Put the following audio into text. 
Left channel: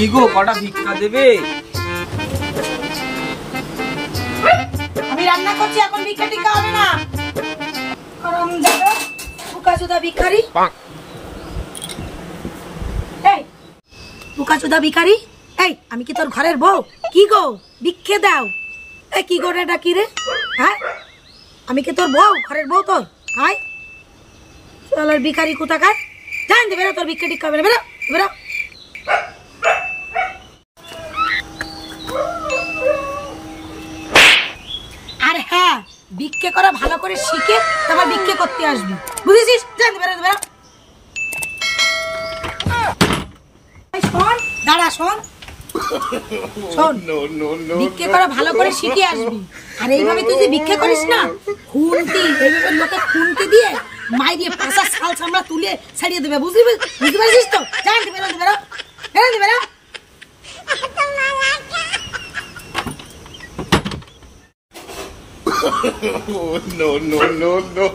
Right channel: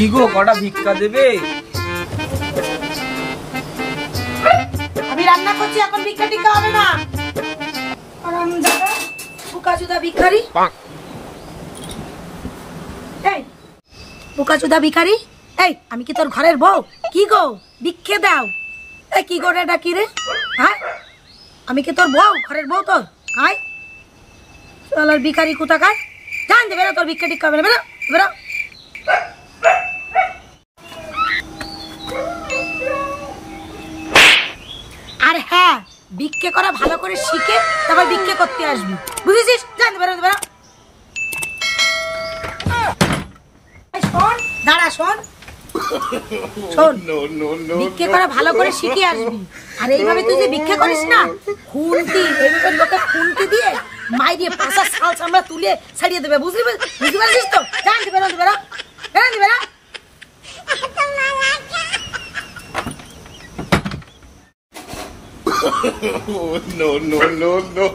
কি গো, কটা ভিক্ষা দেবে? আমি রান্না করছি, এখন ভিক্ষা টিক্ষা হবে না। বুকাচুদা ভিখারি, এই বুকাচুদা ভিখারি, এই আমি কি তোর ঘরের বউ? কি গো, ভিক্ষে দাও। এই কি করে ডাকি রে? হ্যাঁ, আমি কি তোর বউ, ঘরের বউ তোর? হাই চল ভিখারি কোথাকার, জান দে, বেরো, তোর ভিক্ষা টিক্ষা হবে না, বেরো বেরো। আর হ্যাঁ, ভিক্ষে করা ভালো করে শিখে তারপর ভিক্ষে করতে আসবি, বুঝেছিস? জান দে, বেরো বেরো। শোন, দাঁড়া, শোন শোন, ভিক্ষে করা ভালো করে শিখে আসবি। আর এইভাবে তুই যে ভিক্ষে করিস না, খুন্তি এইভাবে লোকে খুন্তি দিয়ে মাই দিয়ে পাশা ছাল চামড়া তুলে ছাড়িয়ে দেবে, বুঝতে পারছিস তো? জান দে, বেরো বেরো বেরো বেরো। no.